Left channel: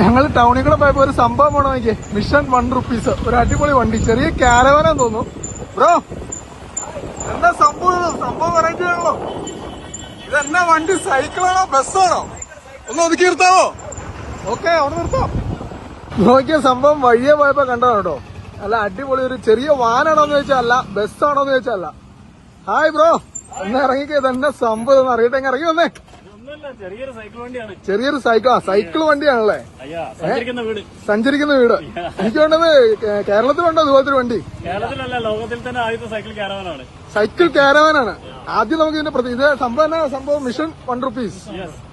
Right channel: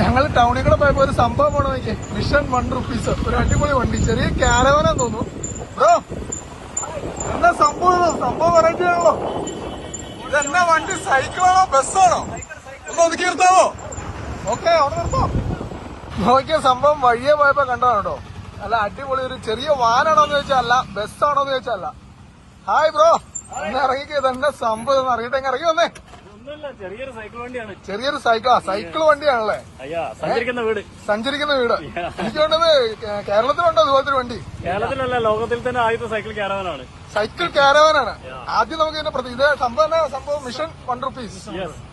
ഞങ്ങൾ ടൗണിൽ കൂടെ പോയപ്പോ ഒരു സംഭവം പോണ നോക്കിയേ, മിഷൻ ₹1. ഒരു അടിപൊളി വണ്ടി, ചെറിയ കാരവാനാന്ന് തോന്നുന്നു. ബ്രോ എന്നാ സംഭവം വെറൈറ്റി ആണല്ലോ. ഇതെന്നാ വണ്ടി, സൈക്കിളാണോ ബസ്സാണോ? ഒന്ന് ഒതുക്കി നിർത്താവോ? ഓക്കെ, ഒന്ന് നിർത്തോ. നോക്കിയ സംഭവം വഴിയെ പോയപ്പോ കണ്ടോ കേട്ടോ. അല്ല അടിപൊളി ഒരു ചെറിയ വാനാണോന്ന് ചോദിച്ചാൽ അല്ല, ബസ്സാണോന്ന് ചോദിച്ചാൽ അല്ല. ഹായ് ബ്രോ, ഒന്ന് ഇറങ്ങിക്കേ, തന്നെ സംഭവം അറിയട്ടെ, ഇറങ്ങി വന്നേ. ചെറിയൊരു സൈക്കിൾ വണ്ടിയാണ്. ചെറിയൊരു സൈക്കിൾ വണ്ടിയാണല്ലേ? സഞ്ചരിക്കുന്ന വീട്. എനിക്ക് വേണ്ടത് കേരളത്തിലുണ്ടോ അതുപോലത്തെ വണ്ടി? കേരളത്തിലല്ല, ലോകത്തിൽ തന്നെ ആദ്യത്തെ സൈക്കിൾ കാരവാനാണ്. സൈക്കിൾ കാരവാനാണ്. ആദ്യം നമുക്ക് ഇതിന്റെ ഇത് സംഭവം മിഷൻ ₹1.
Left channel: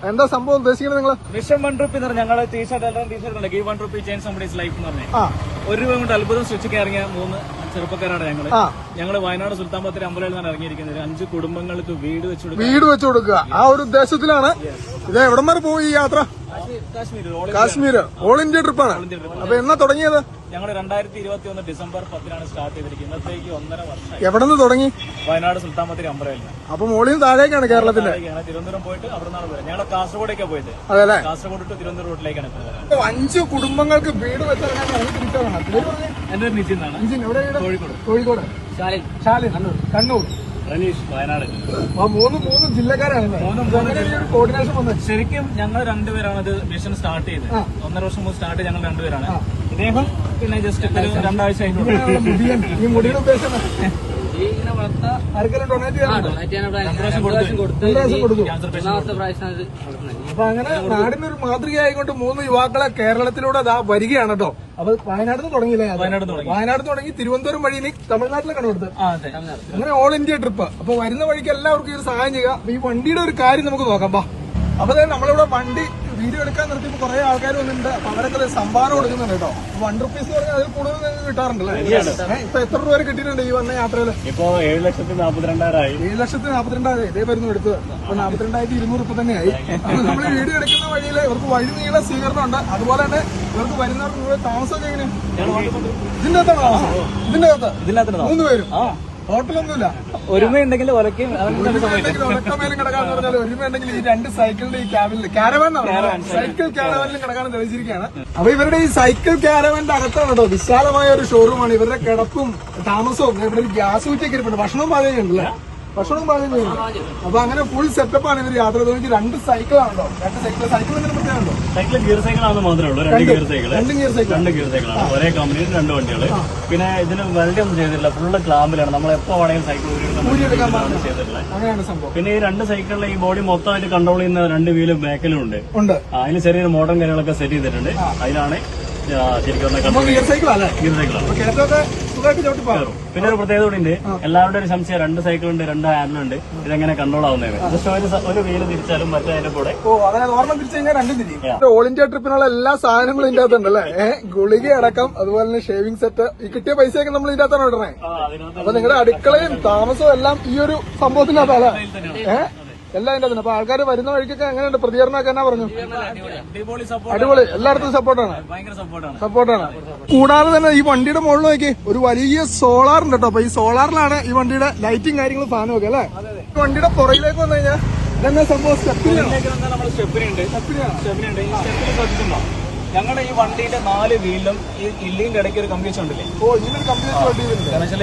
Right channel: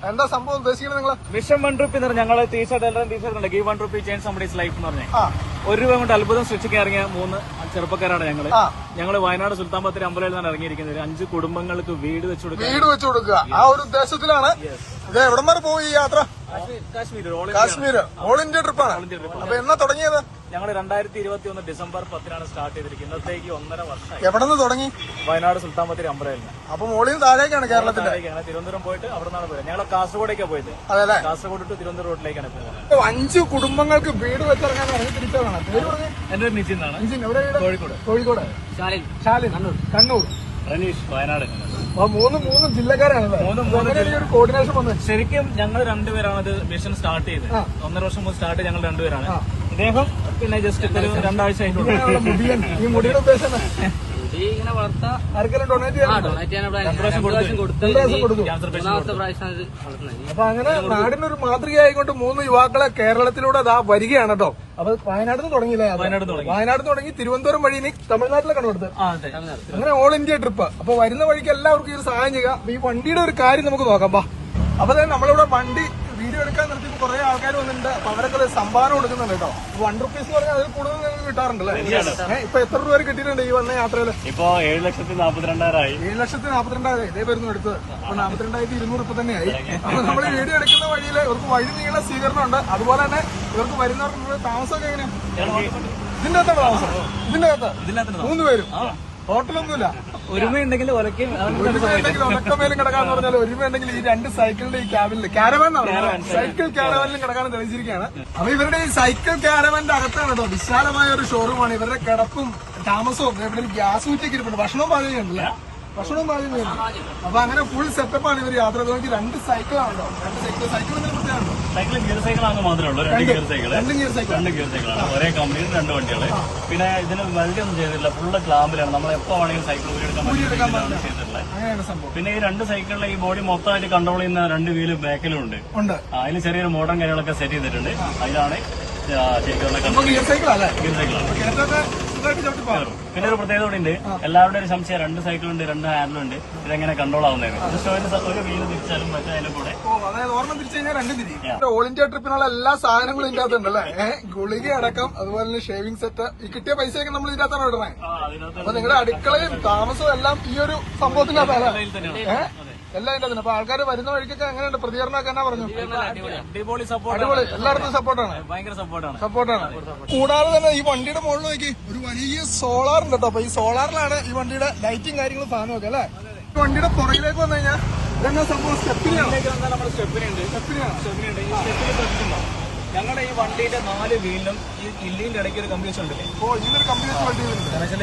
എന്താ സംഭവം ഉദ്ദേശിക്കുന്നത് നിങ്ങൾ? മിഷൻ ₹1 എന്ന് പറഞ്ഞാൽ ഞങ്ങള് t-shirt give ₹1 change somebody's life എന്ന് പറഞ്ഞാൽ ₹1 കൊണ്ട് അത്ഭുതം സൃഷ്ടിക്കാൻ ഇറങ്ങിയ 3 ചെറുപ്പക്കാരാണ് ഞങ്ങള് വയനാട് സുൽത്താൻ ബത്തേരി അമ്പലയിൽ നിന്നാണ് ഇറങ്ങിയിരിക്കുന്നത്. 5 കുടുംബങ്ങൾക്ക് വീട് വെച്ചു കൊടുക്കുക. ആ ഒരു ഉദ്ദേശത്തിലാണ്. ഇതിന് എവിടെ വരെ പോയി ഈ യാത്ര? കാശ്മീർ ഓൾ ഇന്ത്യ ട്രിപ്പാണ്. അപ്പൊ എന്നാ തുടങ്ങിയത്? ഞങ്ങൾ 2021 ഡിസംബർ 10 സ്റ്റാർട്ട് ചെയ്തിരിക്കുന്നത്. ഇന്നത്തേക്ക് 1.5 വർഷമായി. എവിടെ നിന്ന് തുടങ്ങി? വയനാട് സുൽത്താൻ ബത്തേരി അമ്പലയിൽ. അപ്പൊ മോളിൽ താഴേക്കാണ് കേരളത്തിൽ. തിരുവനന്തപുരം പോയിട്ട് അവിടെ നിന്നാണ് പോയത്. ഞങ്ങൾ കാസർഗോഡേക്കാണ് പോയിട്ട്. കാസർഗോഡ് ടു തിരുവനന്തപുരം റോഡിലേക്കാണ് പോയത്. 5 കുടുംബങ്ങൾക്ക് വീട് വെച്ചിറങ്ങാൻ തിരിച്ചതാണ്. എന്റെ പേര് നിതിൻ എന്നാണ്. കോഴിക്കോട്. ശാലിൻ കണ്ണൂർ. റനീഷ് വയനാട്. മൂന്ന് ജില്ലക്കാരാണല്ലേ? ഒരു കോർഡിനേഷൻ വന്നത്. ശരിക്കും ഞങ്ങൾ രണ്ടുപേരാണ് ഇത് മിഷൻ സ്റ്റാർട്ട് ചെയ്തത്. 1.5 വർഷം മുമ്പ് സ്റ്റാർട്ട് ഞങ്ങൾ രണ്ടുപേരാണ്. ഇദ്ദേഹം പിന്നെ ജസ്റ്റ് 2 ആഴ്ച ആയിട്ടുള്ളൂ. ഈ മുടിയുടെ ഉദ്ദേശം അപ്പൊ അങ്ങനെ നാടിനൊരു മാതൃകയായിക്കൊണ്ട് 3 യുവാക്കളെ കേരളത്തിലൂടെ അതാ വരികയാണ് കേട്ടോ. അപ്പൊ വയനാട് നിന്ന് തുടങ്ങിയില്ലേ? വയനാട് തുടങ്ങി തിരുവനന്തപുരം വഴി നീ തമിഴ്നാട്ടിലെ കണ്ടുകൊടുത്ത് അങ്ങനെ ഓൾ ഇന്ത്യ ട്രിപ്പ്. അപ്പൊ വരുന്ന വഴിക്ക് എല്ലാവർക്കും ഇത് സഹായം ചെയ്യുക. അപ്പൊ ഈ വണ്ടിയുടെ ഒരു കാര്യം നമുക്ക് നോക്കാം. അപ്പൊ നമ്മളിവിടെ വണ്ടി വീഡിയോ എടുക്കാൻ നിർത്തിയപ്പോ കുറെ ആൾക്കാർ വന്നിട്ടുണ്ട്. അപ്പൊ അവരൊക്കെ സംഭാവന കൊടുക്കുന്നുണ്ട് കേട്ടോ. ₹1 എന്ന് പറഞ്ഞാൽ അതിൽ കൂടുതൽ കിട്ടാറുണ്ടല്ലേ? ഇപ്പൊ എത്ര രൂപ വരെ കിട്ടിയിട്ടുണ്ട് ഈ വന്ന യാത്രയില്? ഇപ്പൊ 7,42,000. 7,42,000 ഇതേ വരുന്നു എടുത്തത്. അപ്പൊ 42,200 ഇപ്പൊ തന്നെയായി. അപ്പൊ നമ്മൾ വീഡിയോ എടുക്കുന്ന വഴിയില് ഇവർക്ക് വഴി നീള സ്വീകരണം ഉണ്ട്. അതുപോലെ തന്നെ ഇവർക്ക് വരുന്നവർക്ക് താമസമൊക്കെ എങ്ങനെയാണ്? ഇതിന്റെ അകത്താണ് താമസം? ഇതിന്റെ അകത്ത് 3 പേരും ഹോട്ടലൊന്നുമില്ല. ഒരുമയുണ്ടെങ്കിൽ ഒലക്കമേലും കിടക്കാന്ന് പറഞ്ഞാൽ ഒരുമയുണ്ടെങ്കിൽ ഈ 2 സൈക്കിളിന്റെ ഈ ക്യാബിനിൽ സൈക്കിൾ ക്യാരവാനിലും കിടക്കാനും തെളിച്ചിരിക്കുകയാണ്. അപ്പൊ ഇവരുടെ ഈ സൈക്കിൾ ക്യാരവാനിന്റെ അകത്താണ് കേട്ടോ വിശാലമായ ഒരു ഷോറൂമാണ്. ഇവരുടെ കിടപ്പും താമസവും ഇവിടെ ഗ്യാസ് ഊറ്റൊക്കെ ഇരിപ്പുണ്ട്. ഭക്ഷണവും പാചകം ചെയ്യുന്നുണ്ടല്ലേ? ഭക്ഷണവും പാചകം ചെയ്യുന്നു. അപ്പൊ അങ്ങനെ ഫുൾ സെറ്റപ്പാണ് ഇവർ യാത്ര ചെയ്തെങ്കിൽ 2 സൈക്കിളാണല്ലോ. 2 സൈക്കിൾ എന്തെങ്കിലും പ്രത്യേകമുണ്ടോ? സൈക്കിൾ ഗിയർ സൈക്കിളാണ് മാത്രമേ 2 ഗിയർ സൈക്കിൾ. 2 ഗിയർ സൈക്കിൾ ഒരേ കമ്പനിയിൽ 2 വണ്ടികള്. പിന്നെ ഇതിന് വെൽഡിംഗ് ഒന്നും ചെയ്തിട്ടില്ല. ഫുള്ള് ക്ലാമ്പിലാണ്. നമ്മൾ എപ്പോ വേണമെങ്കിലും സൈക്കിൾ അങ്ങനെയാണ് സംഭവം. പിന്നെ ഈ 2 സൈക്കിളിൽ ഈ ബോഡി മൊത്തമായിട്ട് കൺട്രോൾ ചെയ്യുന്ന 2 വീല് ബാക്കിലും ഉണ്ട്. അതിന് ചെറിയൊരു മോഡേൺ കാര്യങ്ങളൊക്കെ സെറ്റ് ചെയ്തിട്ടുണ്ട്. അതിലാണ് ഗിയർ സൈക്കിളാണ്. പിന്നെ ഒരു പ്രത്യേകത കൂടി ഉണ്ട്. എല്ലാവരുടെ ഒരു സംശയം 2 സൈക്കിളുണ്ട്, 2 ഹാൻഡിലുണ്ട്. ഇതെങ്ങനെ കൺട്രോൾ ആവുന്നത്? ഒരു വീല് തിരിച്ചാലും മറ്റേ കൂടെ ഓർമ്മ തിരിച്ചു കഴിഞ്ഞാൽ 2 തിരിയും. ഓൾ ഇന്ത്യ ട്രിപ്പിനുള്ള എല്ലാ സാധനങ്ങളും ഇതിന്റെ അകത്തുണ്ടല്ലേ? ഗുളിക അടക്കം, അതുപോലെ തന്നെ ഷേവിംഗ് സെറ്റ്. ഈ കിട്ടിയ പൈസയൊക്കെ നമ്മൾ ഇതിന്റെ അകത്താണ് ഇടണേ. അപ്പൊ നിങ്ങളുടെ അടുക്കളയും താമസവും എല്ലാം ഈ ഒരു സംഭവത്തിനകത്തല്ല എല്ലാം ഇതിന്റെ അകത്തുണ്ട്. അപ്പൊ ആൾക്കാർ വരുന്ന വഴിക്കൊക്കെ എങ്ങനെയുണ്ട് പ്രതികരണമൊക്കെ? എന്നാ പറഞ്ഞു? അടിപൊളി, എല്ലായിടത്തും സപ്പോർട്ടാണ്. കൂടാതെ തന്നെ ഈ വണ്ടിയുടെ മുകളിൽ നോക്കി ഒരു വലിയ സോളാർ ഉണ്ട് കേട്ടോ. അപ്പൊ ഈ സോളാറിലാണ് ഈ വണ്ടിയുടെ ലൈറ്റിംഗ് കാര്യങ്ങളും സാധനമൊക്കെ അല്ലേ? വണ്ടിയുടെ പുറകിലേക്ക് വന്നു കഴിഞ്ഞാൽ എന്നാ സംഭവം? സ്റ്റെപ്പിനുണ്ട്. ഞങ്ങളുടെ ഈ വണ്ടിയുടെ 4 വീലിലും ഈ കില്ലിന്റെ ഇടയ്ക്ക് ഒരു കമ്പ്യൂട്ടർ ഉണ്ടല്ലേ? ഇങ്ങനൊരു കമ്പ്യൂട്ടർ വണ്ടി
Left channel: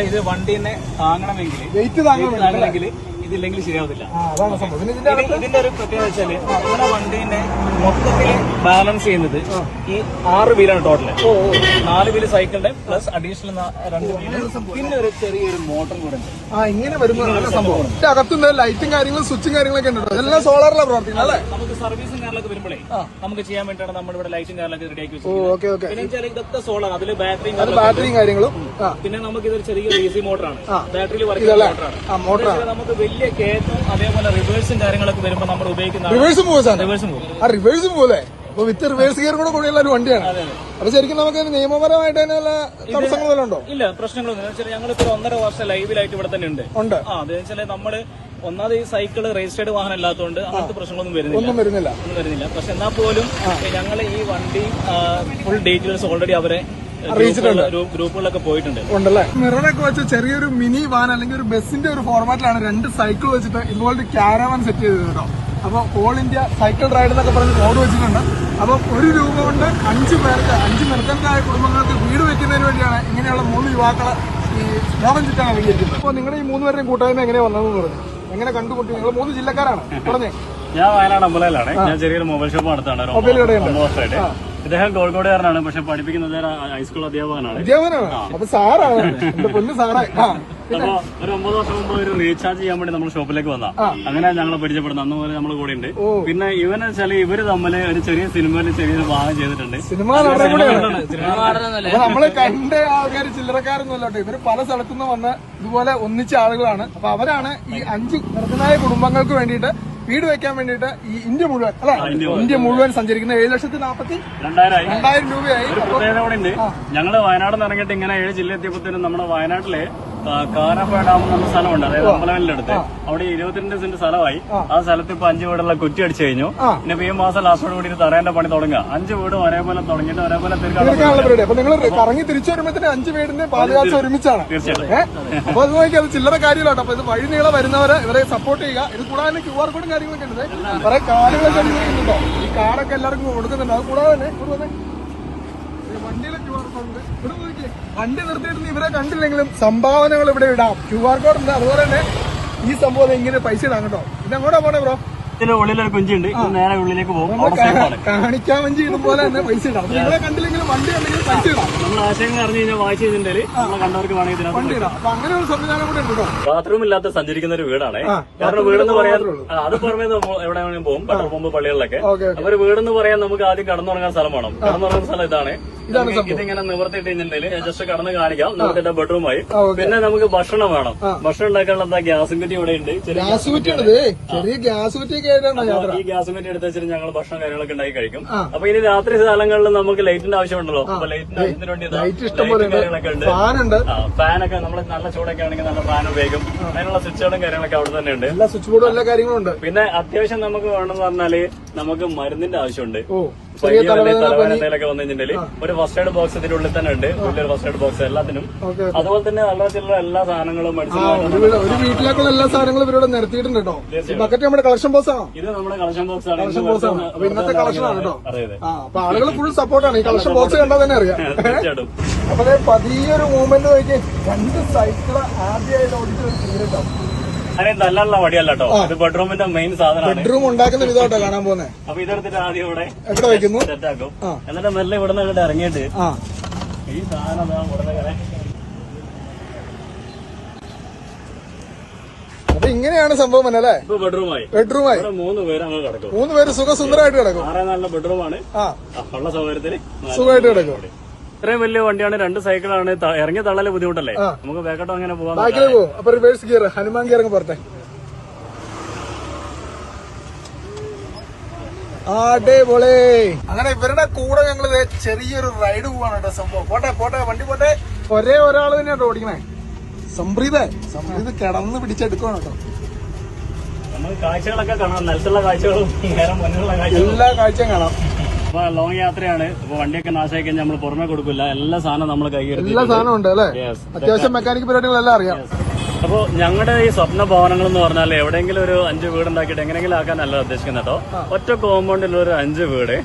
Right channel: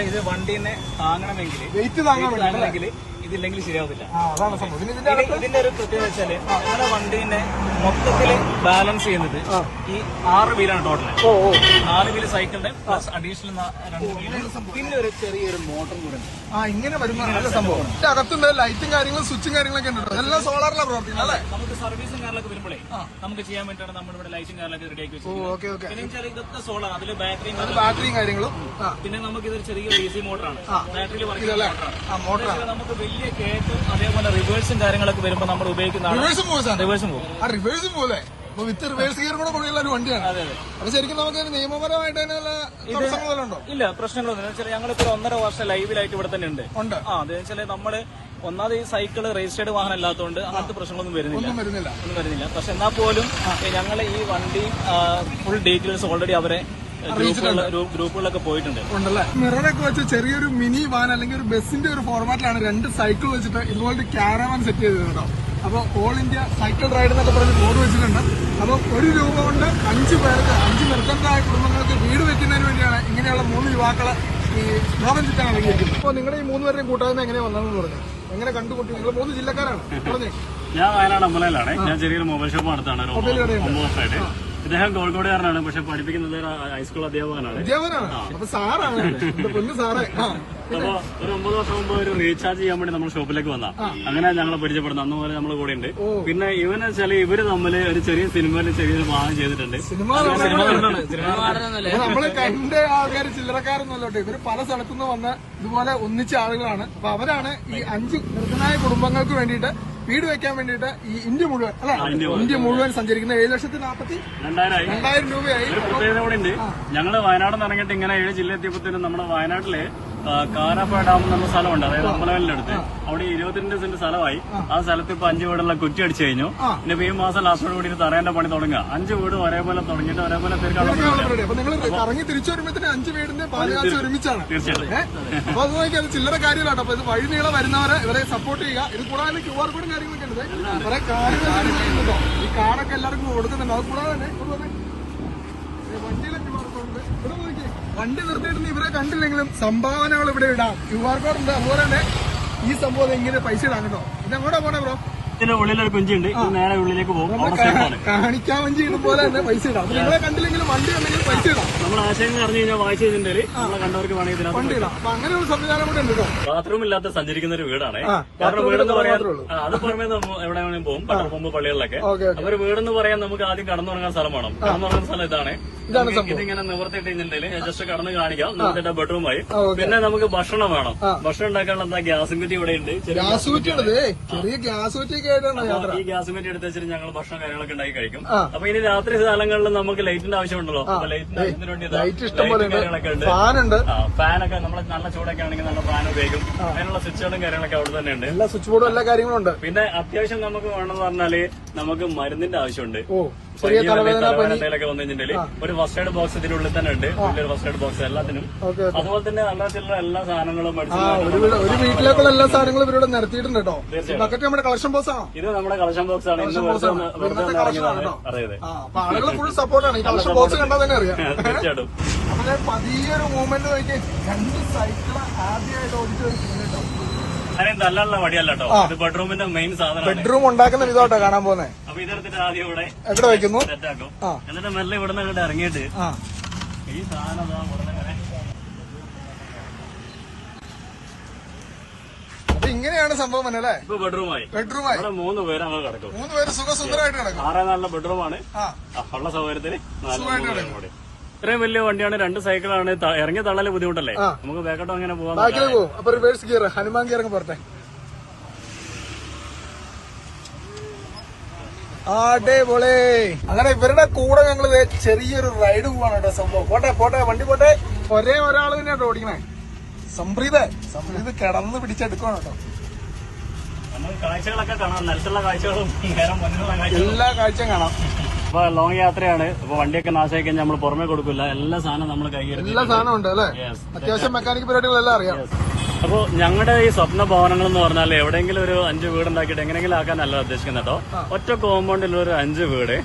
ഇത് വണ്ടീനെ താങ്ങണമെങ്കിൽ, വെയിറ്റ് താങ്ങണമെങ്കിൽ ഇതില്ലെങ്കിൽ ശരിയാവത്തില്ല. അതാണ് സംഭവം. ഇതിന്റെ ഒരു പ്രത്യേകത വെച്ചാല് നമ്മുടെ വണ്ടീനെ മൊത്തത്തിൽ ബാലൻസ് ചെയ്യുന്നത് ഈ 6 വീലാണ് ടോട്ടല്. 4 വീല് സൈക്കിളിന്റെ പ്ലസ് അഡീഷണൽ 2 വീല്, പിന്നെ ഒരു ചെറിയൊരു മോട്ടർ കൂടെ ഉണ്ട്. ഇങ്ങനെ വരുന്ന സംഭവം. അകത്തുണ്ട് ലൈറ്റും കാര്യങ്ങളും സ്വിച്ചും കാര്യങ്ങളൊക്കെ ഉണ്ട്. എല്ലാം സോളാറിലാണ് പ്രവർത്തിക്കുന്നത് അല്ലേ? നമുക്ക് സർവീസും കാര്യങ്ങളൊക്കെ വരുമ്പോഴേ നമുക്ക് ചെയ്യാൻ വേണ്ടിയാണ് നമ്മളിവിടെ ലൈറ്റും കാര്യങ്ങളൊക്കെ റെഡിയാക്കി വെച്ചത്. പിന്നെ ഇതൊക്കെ സോളാർ, അതില് ബാറ്ററിയും കാര്യങ്ങളും. പിന്നെ നമുക്ക് ഇതൊരു ചെറിയ DC മോട്ടറാണ്. ബാറ്ററിയിൽ വർക്ക് ചെയ്യുന്ന മോട്ടറാണ്. നമുക്ക് വലിയ കേക്കും അതേപോലെ റിവേഴ്സും കാര്യങ്ങളൊക്കെ വരുമ്പോ നമ്മൾ ഉപയോഗിക്കുന്ന റിവേഴ്സും പോലെ വിത്ത് റിവേഴ്സ് ഗിയർ കൂടെ കൂടിയുള്ള ഒരു വണ്ടിയാണ്. അപ്പൊ ശരിക്കും നമുക്ക് നിയമപരമായിട്ട് തടസ്സങ്ങളുണ്ടോ? ഇല്ല, പ്രശ്നങ്ങളൊന്നും. ഞങ്ങളിപ്പോ 1.5 വർഷം ലൈവിലായിട്ട് ഇവിടെ തന്നെ ഉണ്ട്. അതെന്ന് വെച്ചാൽ നമ്മള് ഒന്നാമത് ഈ സൈക്കിള് രജിസ്റ്റേർഡ് വാഹനം അല്ലാത്തതുകൊണ്ട് അങ്ങനത്തെ പ്രശ്നങ്ങളൊന്നും വരുന്നില്ല. പക്ഷെ എന്നാൽ പോലും ഞങ്ങൾ ഈ വണ്ടി ഫുൾ ഡീറ്റെയിൽസ് ഓൾറെഡി അവരെ ഗ്രൂപ്പുകളിലൊക്കെ പോയിട്ടുണ്ട്. മിററൊക്കെ വെച്ച് ചെറിയൊരു മിനി വാൻ അല്ലെങ്കിൽ ഒരു ബസിന്റെ ഒരു ഫോർമാറ്റിലാണ് 2 സൈക്കിൾ വെച്ചിട്ട് ഇതുപോലത്തെ ക്യാരവാൻ സെറ്റ് ചെയ്തത് കേട്ടോ. അപ്പൊ ഓൾ ഇന്ത്യ സൈക്കിൾ റൈഡ് എന്നൊക്കെ പറഞ്ഞ് ബോർഡ് വെച്ചിട്ടുണ്ട്. അപ്പൊ ₹1 കൊണ്ട് 5 പേർക്ക് 5 നിർദ്ധനരായ കുടുംബങ്ങൾക്ക് വീട് വെക്കുന്നതിന് വേണ്ടിയാണ് ഇങ്ങനെയുള്ള 3 യുവാക്കളെ ഈ ലോകം ചുറ്റാൻ ഇറങ്ങിയിരിക്കുന്നത്. അപ്പൊ നിങ്ങളുടെ ഈ 3 പേരുടെയും കൂട്ടായ്മ എങ്ങനെ വന്നതെന്ന് പറഞ്ഞു, എങ്ങനെ കണ്ടുകൂട്ടി? നിങ്ങൾ 3 ജില്ലക്കാരാണ് പറഞ്ഞേ. ഞാൻ വയനാട് അമ്പലയിലാണ്. ഞാൻ ചെറിയൊരു മൊബൈൽ ഷോപ്പ് നടത്താണ് 9 വർഷമായിട്ട്. ഇദ്ദേഹം കോഴിക്കോടുകാരനാണ്, പക്ഷെ പഠിപ്പിക്കുന്നത് ഹൈസ്കൂൾ അധ്യാപകനാണ്. അപ്പൊ സാറാണ്, പൊന്നു സാറേ. അപ്പൊ ഒരു 9 വർഷം മുമ്പ് ഒരു റീചാർജ് ചെയ്യാൻ വേണ്ടി നമ്മൾ ഷോപ്പിലേക്ക് വന്ന, അങ്ങനെ ഞങ്ങൾ പരിചയപ്പെടുന്നത്. അന്ന് പോലെ നമ്മൾ കൂടെ ഉണ്ട്. പിന്നെ ഇവന് വെച്ചാൽ ഇവര് തമ്മില് ഒരു ചെറിയ സിനിമയിൽ ചെറിയൊരു ഭാഗം ചെയ്തിട്ടുണ്ട്. നമ്മള് കണ്ട ആൾക്കാർ ചില്ലറക്കാരൊന്നുമല്ലോട്ടെ, ഇവര് പല സ്ഥലത്തുനിന്ന് വന്ന് ഇതുപോലെ ഒന്നിച്ച ആളുകളാണ്. അപ്പൊ അവരാണ് ഈ 5 നിർദ്ധനായ കുടുംബങ്ങൾക്ക് വേണ്ടിയിട്ട് വീട് വെക്കാൻ വേണ്ടിയിട്ട് ഈ ഇന്ത്യ മുഴുവൻ അല്ലെ, ഇന്ത്യ മുഴുവൻ സഞ്ചരിക്കുന്ന 7,42,000 രൂപയായി. ഒരു പ്രത്യേകത കൂടെ ഉണ്ട്. ഞങ്ങള് വയനാട് നിന്ന് ഇറങ്ങിയിട്ട് ഇങ്ങനെ 7 ജില്ല എത്തിയപ്പോഴത്തേനും നമ്മുടെ വയനാട്ടിലെ കാരാപ്പ ഡാം എന്ന സ്ഥലമുണ്ട്, അതായത് അമ്പലവയലിന്റെ അടുത്ത്. അവിടെ 22 സെന്റ് സ്ഥലമായി. ആ സ്ഥലത്ത് ഇപ്പൊ 5 വീടുള്ള കുറ്റി അടിച്ചു കഴിഞ്ഞു. പിന്നെ ഈ മാസം ലാസ്റ്റോട് കൂടി തറേന്റെ പണി തുടങ്ങുക. 5 വീട് ഒരേപോലെ തുടങ്ങിയിട്ട് ഒരേപോലെ തീർക്കാനുള്ള. അപ്പൊ നിങ്ങൾ കറങ്ങി തിരിച്ചു വരുമ്പോഴത്തേന് 5 വീടിന്റെ പാലുകാച്ച ഒരുമിച്ചാണ്. തീർച്ചയായിട്ടും. അപ്പൊ അത് നോക്കി, അത് ചില്ലറ കാര്യമില്ലാട്ടോ. അപ്പൊ ഇത് വഴി നീളെ വരുന്നവരെ ഇവരെ സപ്പോർട്ട് ചെയ്യുക. ഇത് കൂടാതെ QR കോഡും കാര്യങ്ങളൊക്കെ ഉണ്ട്. കുറെ കാർഡുകളൊക്കെ അടിക്കുന്നുണ്ടോ? ഈ കാർഡൊക്കെ എല്ലാവർക്കും കൊടുക്കുന്നുണ്ട്. അത് കൂടാതെ തന്നെ വണ്ടിയിലെ QR കോഡ് ഉണ്ട്. ഇവിടെ നോക്കി, വണ്ടി നിർത്തിയിട്ട് ഇവരെ കണ്ടില്ലെങ്കിലും സംഭാവനകൾ ഇവിടെ ഇടാം. QR കോഡ് ഉണ്ട്. അതുപോലെ തന്നെ ഈ സംഭവം ഇങ്ങനെ പൈസ ഇടാം കേട്ടോ. ഇതെങ്ങോട്ടാ പോണേ ബ്രോ? ഇതിന്റെ ഉള്ളിലൊരു കുഞ്ചുണ്ട്, നേരെ ഉള്ളിലേക്ക് പോകും. കാണിക്കാൻ വഞ്ചി ഇതുപോലെ തന്നെ പൈസ ഇടാം. നിങ്ങളെ കണ്ടില്ലെങ്കിലും വണ്ടി ഉണ്ടെങ്കിൽ പൈസ ഇടാം. നമ്മൾ ആശയങ്ങൾ അറിഞ്ഞു കഴിഞ്ഞാൽ വായിച്ചു കഴിഞ്ഞിട്ടുണ്ടെങ്കിൽ നമ്മളെ കണ്ടവർക്ക് വേണമെങ്കിൽ വണ്ടി ഇടാം. അപ്പൊ അങ്ങനെ ഒരു സംവിധാനം കൂടെ ഉണ്ട് കേട്ടോ. ബാത്റൂം ഇല്ലാത്ത സഞ്ചരിക്കുന്ന ഒരു വീടാണ്. കാരണം വീടെന്ന് പറയാൻ അത് പുറമേ എവിടെ വേണമെങ്കിലും പോകും, പെട്രോൾ പമ്പ്, പള്ളികളിലൊക്കെ. അപ്പൊ ഒരു വീടെന്ന് പറയാൻ നമുക്ക് ആദ്യം കടന്നുറങ്ങാൻ സ്ഥലം വേണം. കടന്നുറങ്ങുന്ന സ്ഥലം ഇതാണ്. ഇതിങ്ങനെ നിവർത്തിയിട്ട് കഴിഞ്ഞിട്ടുണ്ടെങ്കിൽ ജസ്റ്റ് കടന്ന് കാണിക്കാം. നിവർത്തിട്ട ബെഡ്റൂമായി. പിന്നെ നമുക്ക് ഭക്ഷണം വേണം. ഭക്ഷണം ഉണ്ടാക്കാനുള്ള എന്താ ഗ്യാസും കുറ്റി ഇവിടെ ഉണ്ട്. ഗ്യാസ് കുറ്റി, ചെറിയ ഗ്യാസ് കുറ്റി. ഈ ഗ്യാസും കുറ്റി എടുത്ത് വെച്ചിട്ട് ഞങ്ങൾ ഭക്ഷണം കാര്യങ്ങളൊക്കെ ഉണ്ടാക്കി കഴിക്കും. അപ്പൊ ഇനി രാത്രി സ്ഥലങ്ങളിൽ നമുക്ക് ലൈറ്റിന്റെ ആവശ്യമുണ്ടല്ലോ. അപ്പൊ ലൈറ്റിന്റെ ആവശ്യത്തിന് വേണ്ടി കാര്യങ്ങളൊക്കെ ഉണ്ട്. ഫാനൊക്കെ നമ്മൾ നല്ല ചൂടൊക്കെ ആണെങ്കിൽ നല്ല ഫാൻ ഉപയോഗിക്കും. അതിനുള്ള സ്വിച്ചുകളും കാര്യങ്ങളൊക്കെ അവിടെ തന്നെ ഉണ്ട്. എല്ലാ സ്വിച്ച് ബോർഡും എല്ലാ കാര്യങ്ങളും ഉണ്ട്. പിന്നെ അത്യാവശ്യം നമുക്ക് വേണമെന്ന് പറഞ്ഞാല് നമുക്ക് മരുന്നിന്റെ ആവശ്യമുണ്ട്. തലവേദനയിലൊക്കെ വന്നു കഴിഞ്ഞിട്ടുണ്ടെങ്കിൽ ഒരു ഫസ്റ്റ് എയ്ഡ് ബോക്സ് ഇതിന്റെ ഉള്ളിൽ തന്നെ ഉണ്ട്. വലിയൊരു ഫസ്റ്റ് എയ്ഡ് ബോക്സ് എല്ലാത്തിനും. അതുപോലെ തന്നെ അല്ലാത്തുള്ള എല്ലാ സാധനങ്ങളും ഒരു വീട്ടിലേക്കുള്ള എല്ലാ സാധനങ്ങളും ഇവരോട് നിരത്തിയിട്ടുണ്ട് കേട്ടോ. ബക്കറ്റ് നമ്മുടെ കളക്ഷൻ ബോക്സ് ആണ്. ഇത് നമ്മുടെ കളക്ഷൻ ബോക്സ് ആണ്. ഇന്നത്തെ കളക്ഷൻ ആണ് കേട്ടോ. അപ്പൊ ആളുകൾ ഫുൾ സപ്പോർട്ടാണ്. ഈ കളക്ഷൻ ബോക്സ് കണ്ടാൽ തന്നെ അറിയാം. തീർച്ചയായിട്ടും. അപ്പൊ പതിയൊരു മൂവ്മെന്റ് നോക്കി 2 സൈക്കിള് ആദ്യമായിട്ട് ഓടിച്ചിട്ട് അങ്ങനെ നല്ലല്ല വടിയല്ല കേട്ടോ. ഇത് ബെഡ്റൂമിന്റെ മെയിൻ സാധനമാണ്. ബെഡ്റൂം ഉണ്ടാക്കുന്ന വിധമായിട്ടോ കാണാൻ പോകുന്നത്. അപ്പൊ ഇതെടുത്തിട്ട് ആദ്യം ഇവിടെ എവിടെ വെക്കുന്നു, സെറ്റാക്കും. എന്നിട്ട് മെല്ലെ ഇവിടെ നിന്ന് അങ്ങോട്ട് ഇറങ്ങിയിട്ട് ഈ സാധനം അപ്പൊ ഇങ്ങനെയാണ് സംഭവം അല്ലേ? ഇപ്പൊ ബെഡ്റൂമായി. ഇവിടെ 3 പേര് അങ്ങ് കിടക്കും. 3 പേര് സുഖസുന്ദരമായിട്ട് കിടക്കും. 6 നല്ല ബെഡ്റൂമാണ്. ഉള്ള സൗകര്യത്തിന് സുഖമായിട്ട് കിടക്കും. ഇത്രയും വലിയ വണ്ടിയാണ്. 2 സൈക്കിളാണ്. ഇറങ്ങി തള്ളല് ബുദ്ധിമുട്ടല്ലേ? നമുക്ക് ബാക്കോട്ടോ അങ്ങനെ പോവാൻ. അപ്പൊ റിവേഴ്സ് ഗിയർ, ഹനുമാൻ ഗിയർ അങ്ങ് പോരട്ടെ. അടിപൊളി. അങ്ങനെ ഇവരുടെ കൂടെ ഞങ്ങള് ചെറിയൊരു റൈഡ് പോവാണ് കേട്ടോ. സംഭവം പോട്ടെ വണ്ടി പോട്ടെ. ഒരേ ഒരാൾ തന്നെയാട്ടോ ഓടിക്കണേ. സംപ്രീത് കിടന്ന് പിടിച്ചെടുക്കണം കേട്ടോ. നമ്മൾ കാഴ്ചകളൊക്കെ കാണാം. നിലത്തുള്ള കാഴ്ചകളും എല്ലാ കാഴ്ചയും കാണാം. അപ്പൊ ലോങ് യാത്രയാണ്. അപ്പൊ വണ്ടിയൊക്കെ നാശമായി കഴിഞ്ഞാൽ നമ്മൾ പുറമെ കൊടുക്കില്ല. എല്ലാ സാധനവും നമ്മൾ കൈകരുതി. എല്ലാ സാധനവും ഉണ്ട് അല്ലെ? അത്യാവശ്യം മെക്കാനിക് പരിപാടികളെല്ലാം അറിയാം. അപ്പൊ ഞങ്ങളുടെ ഈ സ്വപ്ന ഭവനങ്ങൾ എന്ന് പറഞ്ഞാൽ എവിടെയെങ്കിലും ഒരു 5 വീടുണ്ടാക്കിയിട്ട് എങ്ങനെയെങ്കിലും ആക്കാനല്ല ഉദ്ദേശിക്കുന്നത് കേട്ടോ. ഒറ്റ കോമ്പൗണ്ടിൽ ഒരു 5 വീട്.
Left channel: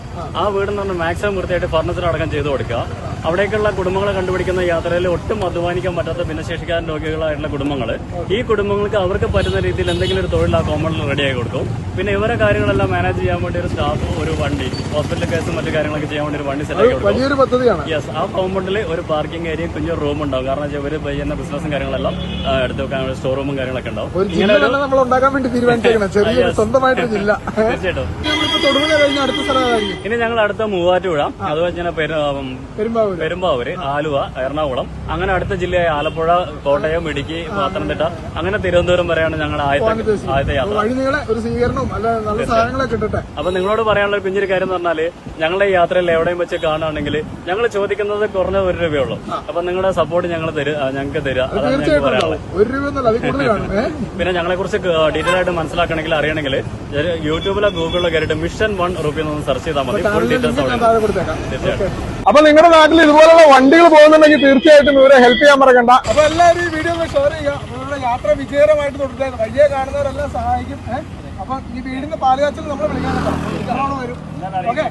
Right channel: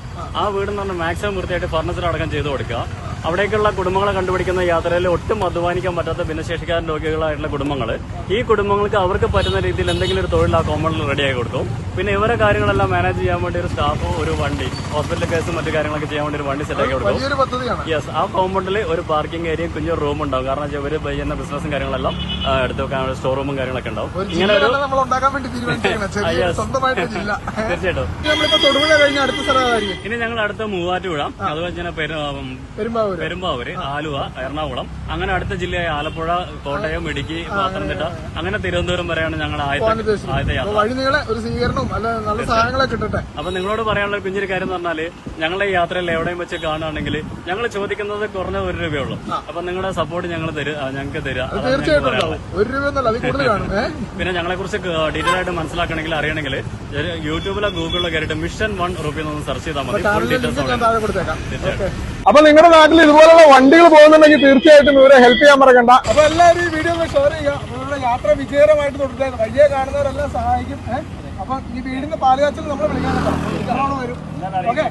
ആ വീടെന്ന് പറഞ്ഞാൽ മാക്സിമം വൃത്തിയായിട്ട് ഫർണിച്ചർ അടക്കം ചെയ്ത് കൊടുക്കുക. അവിടേക്കുള്ള കുടുംബങ്ങളെ കണ്ടുപിടിക്കുന്ന യാത്രയിൽ ഒട്ടും അധ്വാനിക്കാൻ പറ്റാത്ത ഭിന്നശേഷിക്കാരൻ രോഗികളായിട്ടുള്ള കുടുംബങ്ങൾ, ഈ കുടുംബങ്ങൾക്ക് അവർക്ക് പറ്റുന്ന രീതിയിൽ എന്തെങ്കിലും ഒരു തൊഴിൽ ആ കോമ്പൗണ്ടിൽ റെഡിയാക്കി കൊടുക്കും. പിന്നെ ഇവരെ കാര്യങ്ങളെല്ലാം മാനേജ് ചെയ്യാൻ വേണ്ടി ഒരു സ്റ്റാഫ്, ഒരു വണ്ടി, ഹോസ്പിറ്റൽ കേസും മറ്റു കാര്യങ്ങളൊക്കെ ചെയ്യാൻ വേണ്ടി ഒരു വണ്ടി സെറ്റാക്കി കൊടുക്കും. യെസ്, ആ കോമ്പൗണ്ടിൽ ഒരു പാർക്കിംഗ് ഏരിയയും കുഞ്ഞൊരു റൂം ഉണ്ടാവും. കാരണം ഇവര് ചെയ്യുന്ന ബിസിനസ്സും കാര്യങ്ങളെല്ലാം എടുത്ത് വെക്കാൻ സ്റ്റോർ റൂമും കാര്യങ്ങളൊക്കെ ഉണ്ടാവും. ഇങ്ങനെ ഒരു തീർച്ചയായിട്ടും. ഇനി ഞങ്ങൾ അടുത്ത മൂവാറ്റുപുഴ, അതുപോലെ തന്നെ പെരുമ്പാവൂര്, ആലുവ, എറണാകുളം, അങ്ങനെ അടുത്ത ജില്ലയായ ആലപ്പുഴ, കോട്ടയം, ഇടുക്കി, പത്തനംതിട്ട, അങ്ങനെ തിരുവനന്തപുരം വരെയാണ് ഞങ്ങളുടെ ആദ്യത്തെ യാത്ര. അപ്പൊ നിങ്ങളോട് പറയാനുള്ള ഒരു കുഞ്ഞൊരു കാര്യം എന്ന് പറഞ്ഞാല്, ഞങ്ങളുടെ ഈ യാത്രയിൽ എവിടെയും വെച്ച് കാണുകയാണെങ്കിൽ ഞങ്ങൾ ചോദിക്കുന്നത് കുറഞ്ഞ 1 രൂപയുള്ളൂ. അപ്പൊ നിങ്ങളുടെ സപ്പോർട്ട് ഞങ്ങൾക്ക് തരിക. അതാണ് ഞങ്ങൾക്ക് പറയാനുള്ളത്. പിന്നെ ഞങ്ങളെ കുറിച്ച് ഡീറ്റെയിൽ ആയിട്ട് മനസ്സിലാക്കണമെങ്കിൽ, അറിയണമെങ്കിൽ യൂട്യൂബിലോ ഗൂഗിളിലോ കയറിയിട്ട് മിഷൻ 1 റുപ്പി ഒന്ന് സെർച്ച് ചെയ്താൽ മതി. ഫുൾ ഡീറ്റെയിൽസ് തീർച്ചയായിട്ടും. അപ്പൊ നിങ്ങളുടെ നാട്ടിൽ ഇതുപോലുള്ള വണ്ടികൾ പോകുന്നുണ്ടെങ്കിൽ തീർച്ചയായിട്ടും ഇവരെ ഹെൽപ്പ് ചെയ്യാൻ മറക്കണ്ട. അപ്പൊ എല്ലാവരും ഈ വീഡിയോ ഒന്ന് ഷെയർ ചെയ്യുക. നിങ്ങളുടെ യാത്ര വിജയകരമായിട്ട് തുടരുക. വഴിയെ കാണുന്നവരെല്ലാം സഹായിക്കും. അപ്പൊ ഈ വീടിന്റെ പാലുകാച്ചിൽ നമ്മൾ വിളിക്കാൻ വരും. ഓക്കെ,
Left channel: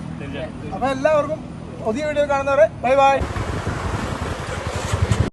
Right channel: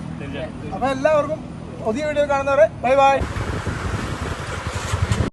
അപ്പൊ എല്ലാവർക്കും പുതിയ വീഡിയോ കാണുന്നവരെ ബൈ ബൈ.